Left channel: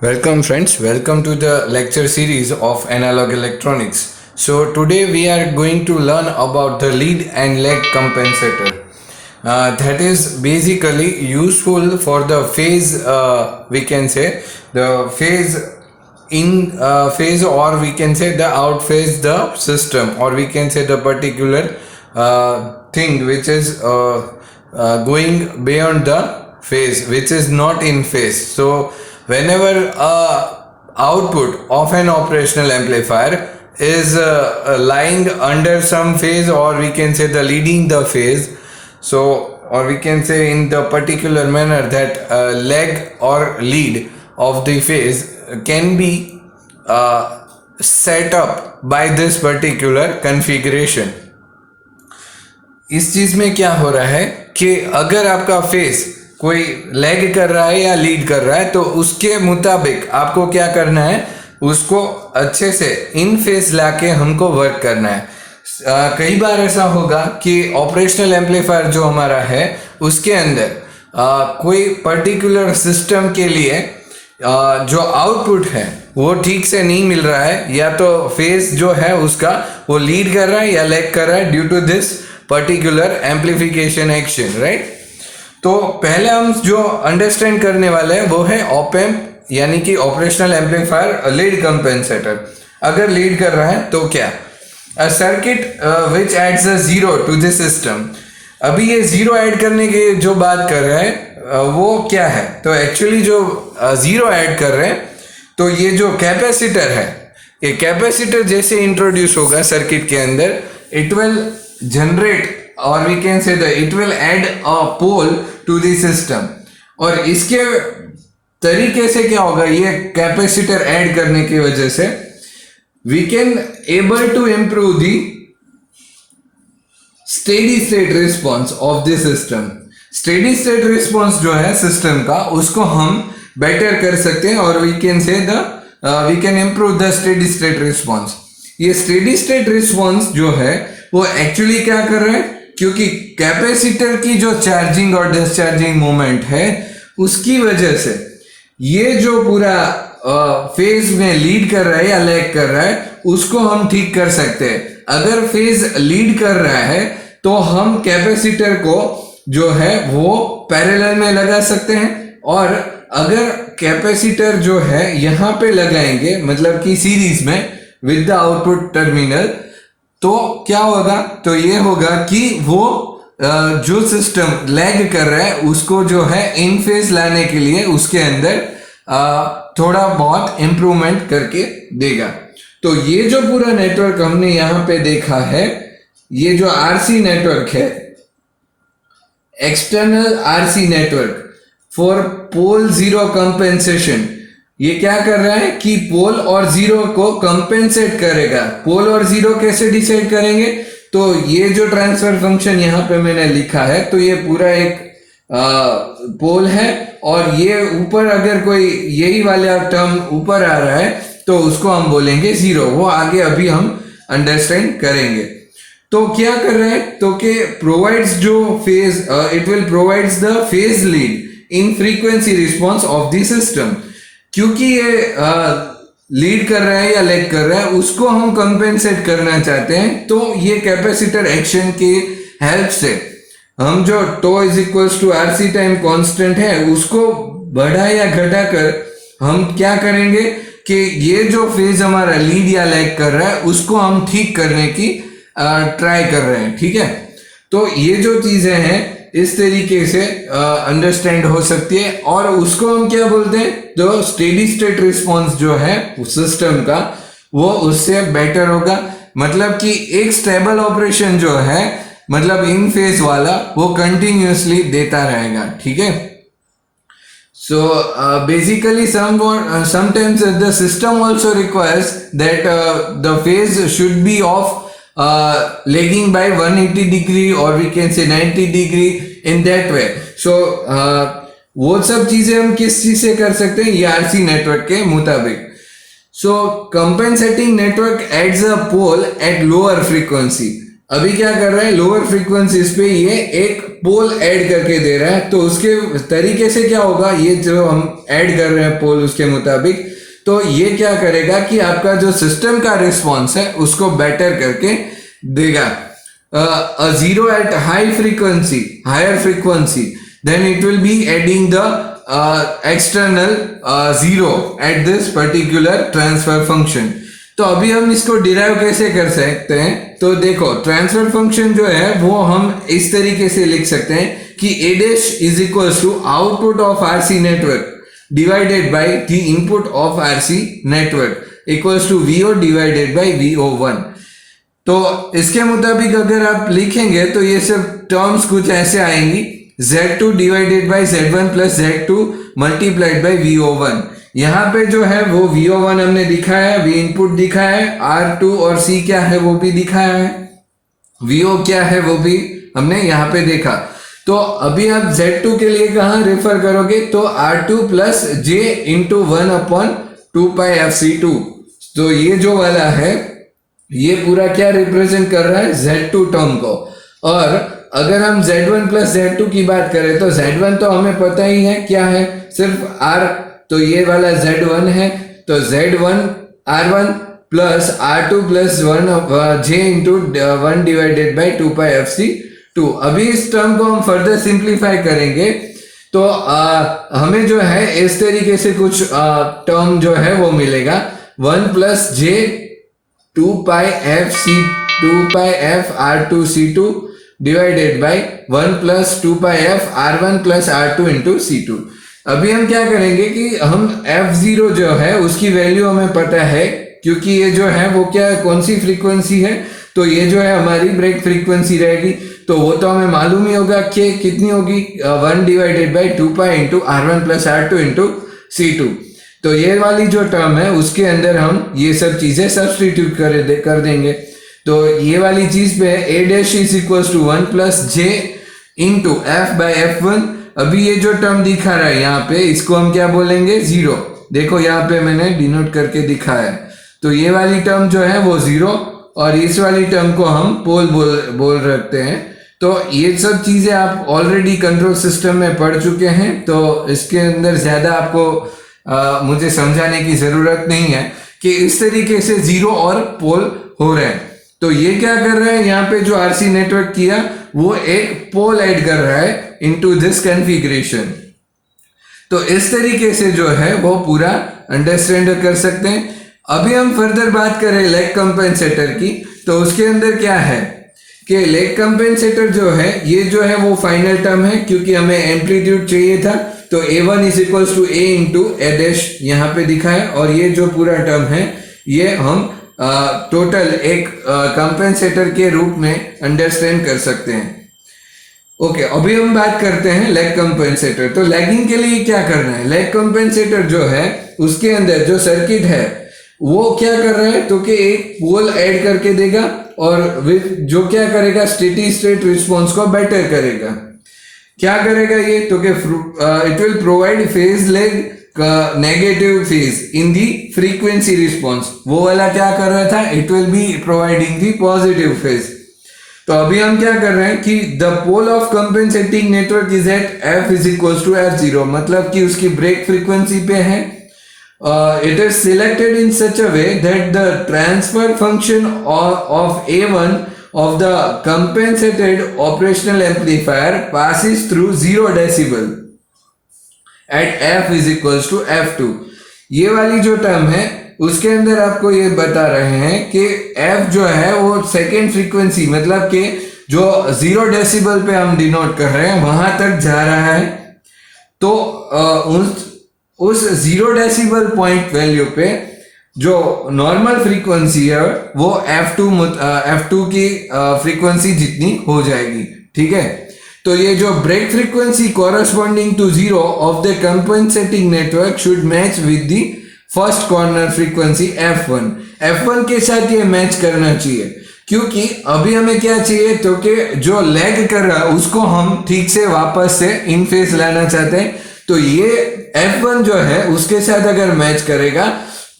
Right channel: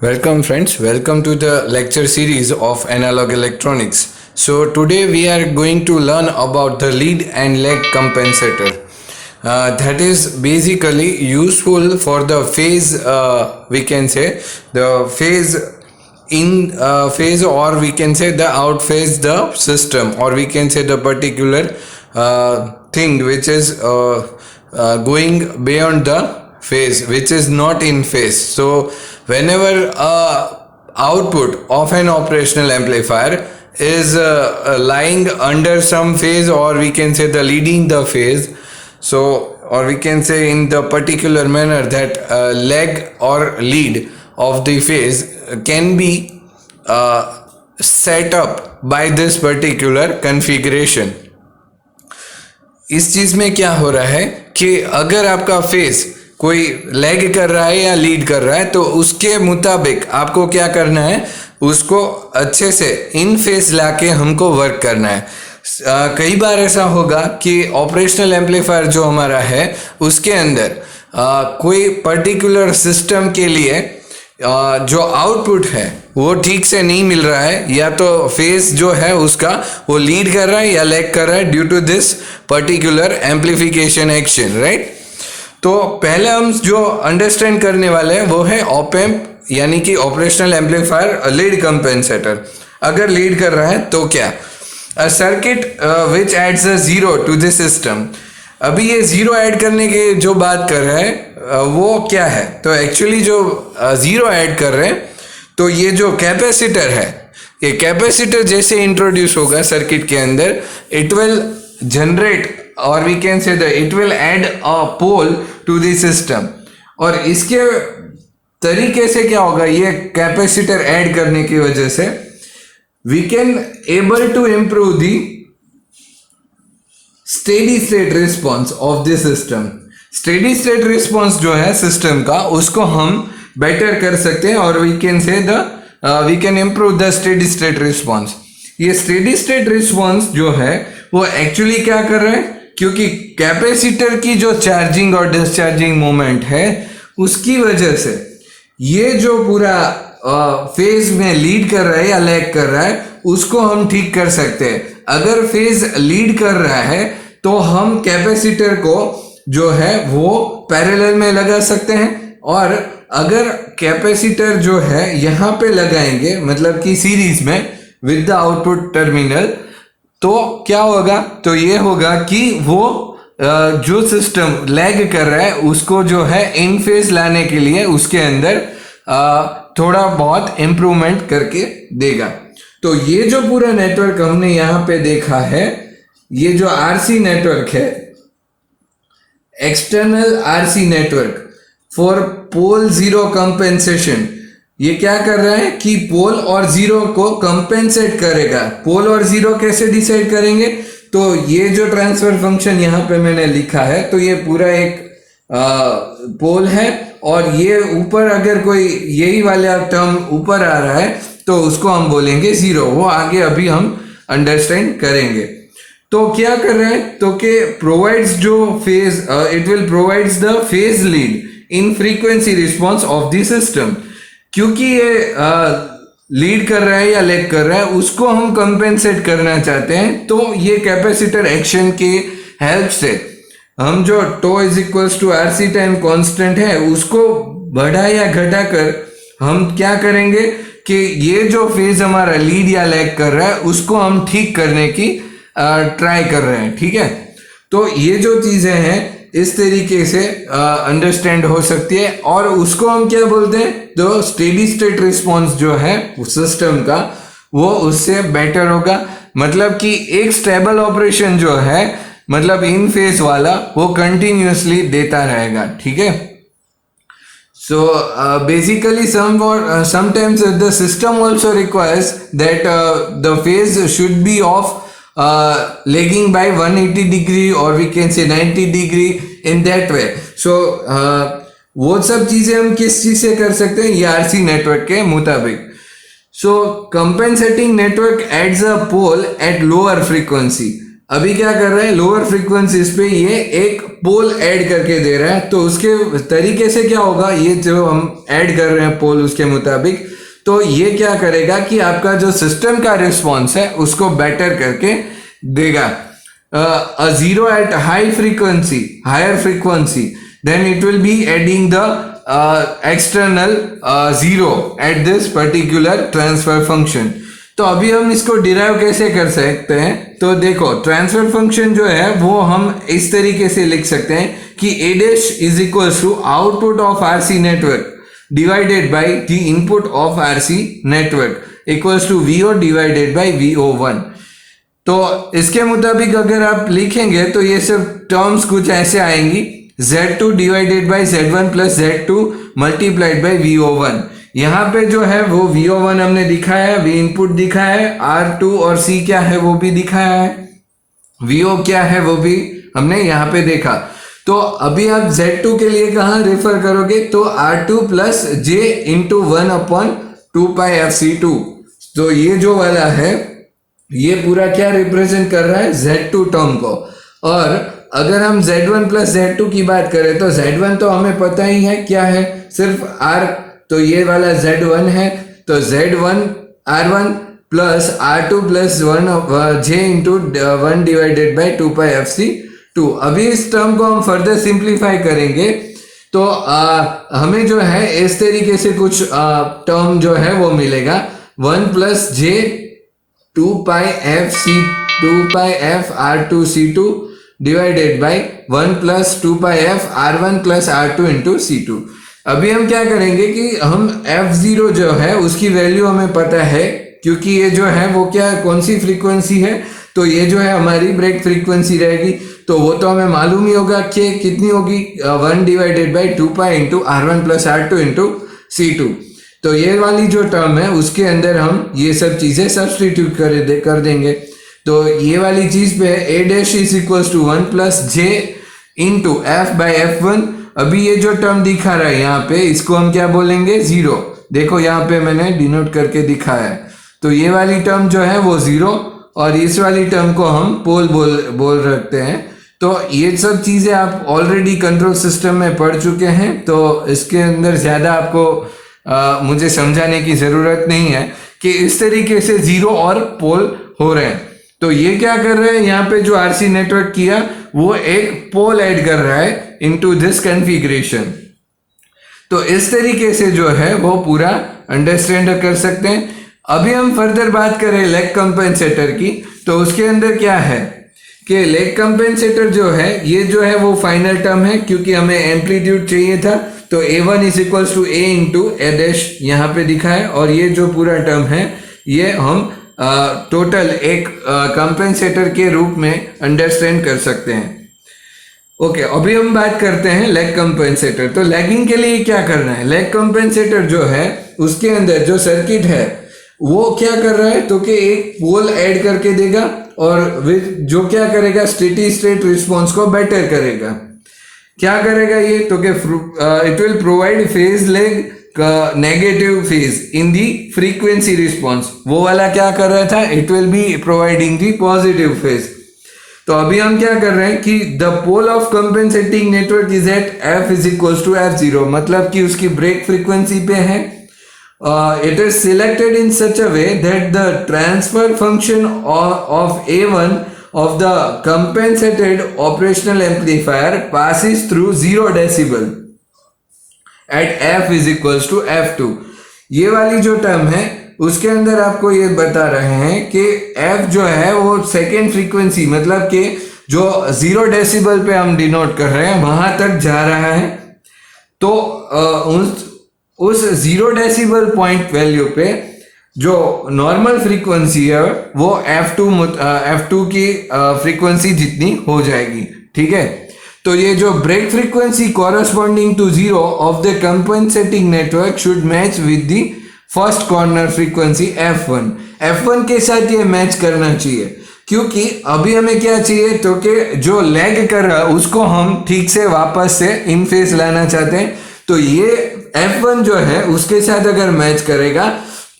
Welcome friends, welcome to the lecture series of analog electronics. So today we are going to learn about the lead and lag compensator. That is basically useful for the phase, we can say the phase in phase, or we can say the out phase the system, or we can say the particular thing which is going beyond the phase, which is not in phase. So whenever output of an operational amplifier is lying under some phase, or we can say the leading the phase, so or we can say in the particular manner that lag or lead of the phase can be set up by this particular configuration. इस चीज में क्या हो रहा है कि अगर आपका फेस कोई लैग कर रहा है या लीड कर रहा है, तो उसके मुताबिक आपको क्या करना है, उसको अच्छे से इन फेस लाके हमको वर्क करना है। कई बार ऐसा होगा कि ऑपरेशनल एम्पलीफायर जो हमारा है उसके अंदर कोई पर्टिकुलर सिस्टम के लिए जो आउटपुट है वो ठीक से नहीं मिल रहा है, या तो फेस जो है उसका वो लीड कर रहा है या लैग कर रहा है due to this particular amplification action, right. तो पहले हम जो अंडरस्टैंड करने वाले हैं वो है ऑप एम्प, यानी कि ऑपरेशनल एम्पलीफायर लीड कंपेंसेटर। अगर लीड कर रहा है तो क्या, a circuit which adds a zero to the system. अभी ये जीरो ऐड करने की जो बात कर रहे हैं वो क्या है, तो एक्चुअली जो जीरो ऐड कर रहे हैं, तो ये जो कैपेसिटर है, ये कैपेसिटर जैसे इंट्रोड्यूस होगा सर्किट के अंदर, इट विल जनरेट और we can say it will add a pole to the system. और इसके तरीके से क्या होगा, ये कैपेसिटर ऐड करने की वजह से we can able to improve the steady state response of the system. Steady state response जो है सिस्टम का, उसको हम बेटर कर सकते हैं, और we can say we can improve the steady state response. ये स्टेडी स्टेट रिस्पॉन्स जो है वो एक्चुअली क्या कर रहा है, क्योंकि कैपेसिटर की जो चार्जिंग और डिस्चार्जिंग मोमेंट है उसकी वजह से ये जो पूरा फेज में लीड कर रहा है या लैग कर रहा है उसको हम ठीक कर सकते हैं। अगर फेज लीड कर रहा है तो हम कैपेसिटर को जो है वो पैरेलल में लगा सकते हैं, और अगर कैपेसिटर जो है यहां पे लगाएंगे मतलब कि सीरीज में विद द आउटपुट टर्मिनल, तो क्या होगा, तो ये होगा कि वो जो सिस्टम लैग कर रहा है उसको जो है इन फेज लाने के लिए उसके अंदर थोड़ा बहुत इंप्रूवमेंट करके देगा। तो ये जो पूरा नेटवर्क हमने यहाँ पे देखा है, ये जो आरसी नेटवर्क है, external RC network for pole zero compensation, ये क्या कर रहा है कि पोल और जीरो को कंपेंसेट करेगा। पोल और जीरो कैसे डिसाइड करेंगे, तो ये जो ट्रांसफर फंक्शन यहाँ पे मैंने लिखा है, तो ये पूरा एक पोल है, और ये ऊपर अगर कोई यही वाला टर्म ऊपर आ रहा है तो उसको हम बोलेंगे जीरो। वो आगे अभी हम अंडरस्टैंड करेंगे। तो क्या कर रहे हैं, तो कि प्रोवाइड्स जो phase, it will provides the phase lead in frequency response of the system. क्योंकि ये लीड कर रहा है या लैग कर रहा है उसको हम कंपेंसेट करना चाहते हैं, तो ये कैपेसिटर एक्शन के हेल्प से हम जो tau is equals to RC time constant है उसको बढ़ा या घटा कर हम क्या करेंगे कि ये जो फेज हमारा लीड या लैग कर रहा है उसको हम ठीक करने की ट्राई कर रहे हैं, ठीक है। तो ये जो चीजें हैं इस तरीके से अंडरस्टैंड हो सकती है, और उसको हम क्या बोलते हैं, तो स्टेडी स्टेट रिस्पॉन्स जो है सिस्टम का वो उससे बेटर होगा। मतलब कि एक स्टेबल ऑपरेशन जो है, मतलब इन फेज वाला, वो कंटिन्यूअसली देता रहेगा, ठीक है। So basically sometimes the system also requires that the phase should be of lagging by 180 degree, or we can say 90 degree in that way. So वो सब चीजें हम किस चीज से कर सकते हैं, ये आरसी नेटवर्क के मुताबिक। So compensating network adds a pole at lower frequency अभी क्या कर रहा है, लोअर फ्रीक्वेंसीज पे ये एक पोल ऐड करके दे रहा है। तो उसके तरीके से क्या होगा, ये जो हम ऐड कर रहे हैं पोल उसके मुताबिक, तो ये क्या करेगा कि आपका जो सिस्टम का रिस्पॉन्स है उसको बेटर करके देगा। A zero at higher frequency, then it will be adding the external zero at this particular transfer function। तो अभी हम इसको डिराइव कैसे कर सकते हैं, तो देखो ट्रांसफर फंक्शन जो है वो हम इस तरीके से लिख सकते हैं कि a dash is equals to output of RC network divided by the input of RC network equals to VO divided by VO1। तो इसके मुताबिक अगर आप लिखेंगे तो ये सब टर्म्स कुछ ऐसे आएंगी, Z2 divided by Z1 plus Z2 multiplied by VO1। यहाँ पे जो है वो VO1 हमने दिखाया है, V इनपुट दिखाया है, R2 और C क्या है वो भी दिखाया है, VO क्या है वो भी हमने यहाँ पे देखा। तो अभी आप Z2 के लिए कहाँ रेफर करोगे, तो R2 plus J into 1/2πfc2। तो ये जो वाला है ये पूरा क्या रिप्रेजेंट कर रहा है, Z2 टर्म को। और अगर हम Z1 प्लस Z2 की बात करें तो Z1 तो हमें पता ही है क्या है, सिर्फ R, तो ये वाला Z1 है, तो Z1 R1 plus R2 plus 1J into 1 divided by 2πfc2। अभी इस टर्म को हम फर्दर सिंप्लीफाई करेंगे तो हमें जो है इस तरीके से कुछ टर्म जो है वो मिलेगा, 1 plus J 2πf R2C2 divided by 1 plus 2πf R1 plus R2 into C2। अभी हम क्या करेंगे कि हम F0 जो है उसकी वैल्यू हमें पता है, क्योंकि ये जो है वो क्या कौन सी फ्रीक्वेंसी है, तो ये जो है हमारी ब्रेक फ्रीक्वेंसी रहेगी। तो वो तो हमें मालूम ही होगा कि कितनी होगी, 1 divided by 2π into R1 plus R2 into C2। तो ये वाली जो टर्म है उसके अंदर हम ये सब चीजें सब्स्टिट्यूट कर देंगे। तो ये वाली चीज पे a dash is equals to 1 plus j into f by f1। अभी ये जो टर्म दिखा रहा है यहाँ पे इसको हम क्या बोलेंगे, जीरो। देखो यहाँ पे मैंने डिनोट करके दिखाया है, तो ये वाली टर्म जो है वो जीरो और इस वाली टर्म को हम पोल बोल रखते हैं। तो ये सब चीजें आप ऑलरेडी कंट्रोल सिस्टम में पढ़ चुके हैं, तो इसके अंदर ज्यादा आपको मुझे समझाने की जरूरत नहीं है कि इस तरीके से जीरो और पोल हो रहे हैं। तो ये क्या कर रहे हैं, यहाँ पे जो आरसी नेटवर्क किया वो एक पोल ऐड कर रहा है इनटू दिस कॉन्फ़िगरेशन। तो इस तरीके से जो है वो पूरा अंडरस्टैंड कर सकते हैं। अभी हम फर्दर बात करें लेग कंपेंसेटर की, तो उसके अंदर क्या है कि लेग कंपेंसेटर जो है ये जो है वो फाइनल टर्म है, क्योंकि हमें एम्पलीट्यूड चाहिए था। तो A1 is equals to A into A dash यहाँ पे दिखा है, और ये जो पूरा टर्म है ये हम टोटल एक कंपेंसेटर के रूप में अंडरस्टैंड कर सकते हैं। ओके, अभी हम बात करते हैं लेग कंपेंसेटर। तो लेगिंग के लिए क्या करना है, लेग कंपेंसेटर जो है उसके अंदर जो सर्किट है वो क्या कर रहा है, तो कि एक पोल ऐड करके देगा और जो क्या करेगा, स्टेडी स्टेट रिस्पॉन्स को बेटर करेगा। क्या करेगा ये, तो कि it will provide phase lag negative phase in the frequency response. वो वाला क्या कर रहा था, it will be providing the positive phase. तो अभी हम क्या कर रहे हैं कि the pole of compensating network is at f is equals to f0, मतलब कि उसकी ब्रेक फ्रीक्वेंसी पे है। It is selected in such a way that the transfer function of A1 of the compensated operational amplifier passes through 0 decibel at f is equals to f2। ये वाली जो term है उसके अंदर आपको ये बता रहे हैं कि f जो है वो सेकेंड फ्रीक्वेंसी, मतलब कि जो 0 डेसिबल पे हम डिनोट कर रहे हैं वहां तक जा रहा है। तो उस 0 डेसिबल पॉइंट वैल्यू पे जो नॉर्मल फ्रीक्वेंसी है वो F2 की फ्रीक्वेंसी जितनी हो जाएगी, ठीक है। तो ये जो break frequency corresponding to 0 of the compensating network should match with the first corner frequency F1 के साथ ये मैच करना चाहिए, क्योंकि अभी हमें क्या चाहिए, तो कि जो लैग कर रहा है उसको हम ठीक से वापस से इन फेज लाना चाहते हैं। तो ये F1 जो है उसके साथ अगर मैच करेगा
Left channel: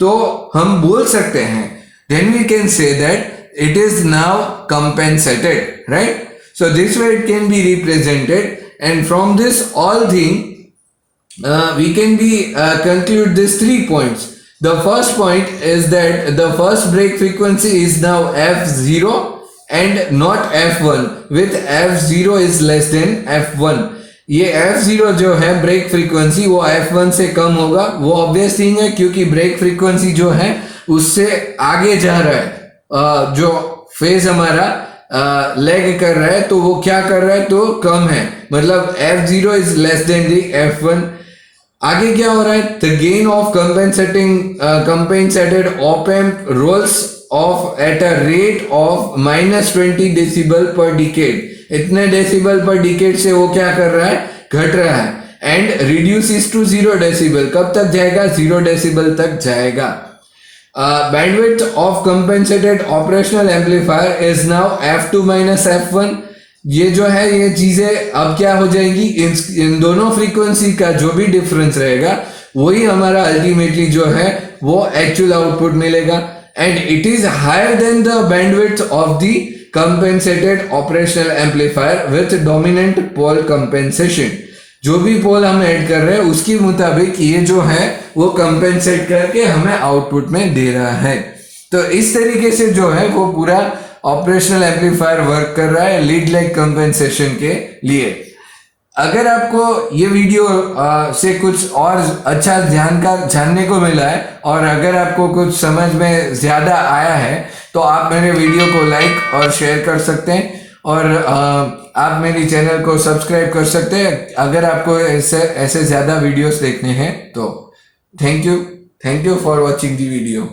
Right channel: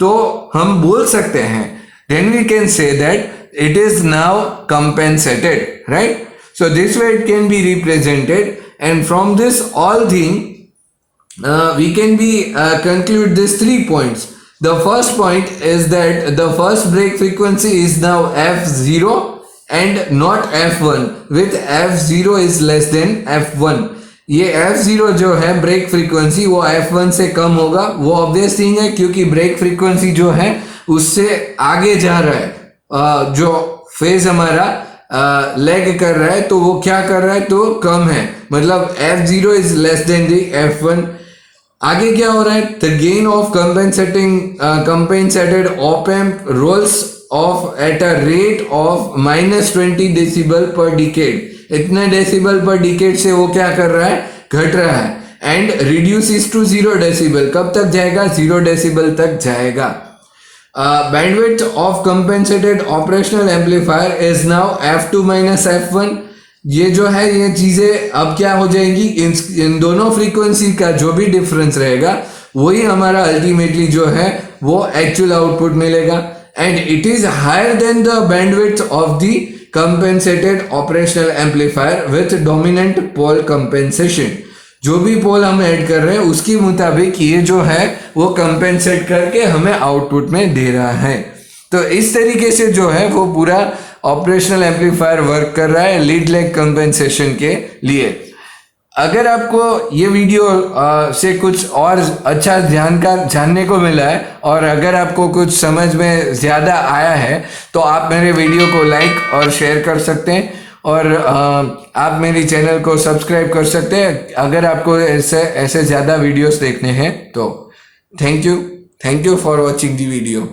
तो हम बोल सकते हैं, then we can say that it is now compensated, right? So this way it can be represented, and from this all thing we can be conclude these 3 points. The first point is that the first break frequency is now f0 and not f1, with f0 is less than f1. ये f0 जो है break frequency वो f1 से कम होगा, वो obvious thing है क्योंकि break frequency जो है उससे आगे जा रहा है, जो फेज हमारा लैग कर रहा है तो वो क्या कर रहा है, तो कम है, मतलब f0 is less than the f1. आगे क्या हो रहा है, the gain of compensated op amp rolls off at a rate of -20 decibel per decade. इतने डेसिबल पर डिकेड से वो क्या कर रहा है, घट रहा है. And reduces to 0 decibel. कब तक जाएगा, 0 डेसिबल तक जाएगा. Bandwidth of compensated operational amplifier is now f2 f1. ये जो है ये चीजें अब क्या हो जाएंगी, इन दोनों फ्रीक्वेंसी का जो भी डिफरेंस रहेगा वही हमारा अल्टीमेटली जो है वो एक्चुअल आउटपुट मिलेगा. And it is higher than the bandwidth of the compensated operational amplifier with dominant pole compensation. जो भी पोल हम ऐड कर रहे हैं उसके मुताबिक ये जो है वो कंपेंसेट करके हमें आउटपुट में दे रहा है. तो इस तरीके से जो है वो पूरा ऑपरेशनल एम्पलीफायर वर्क कर रहा है लीड लैग कंपेंसेशन के लिए. अगर आपको ये वीडियो से कुछ और अच्छा जानने को मिला है और अगर आपको कुछ समझ में ज़्यादा आया है तो आप मेरे वीडियो को लाइक और शेयर कर सकते हैं, और आप मेरी चैनल को सब्सक्राइब कर सकते हैं अगर आपको ऐसे ज़्यादा वीडियोस देखने हैं तो. Thank you for watching the video.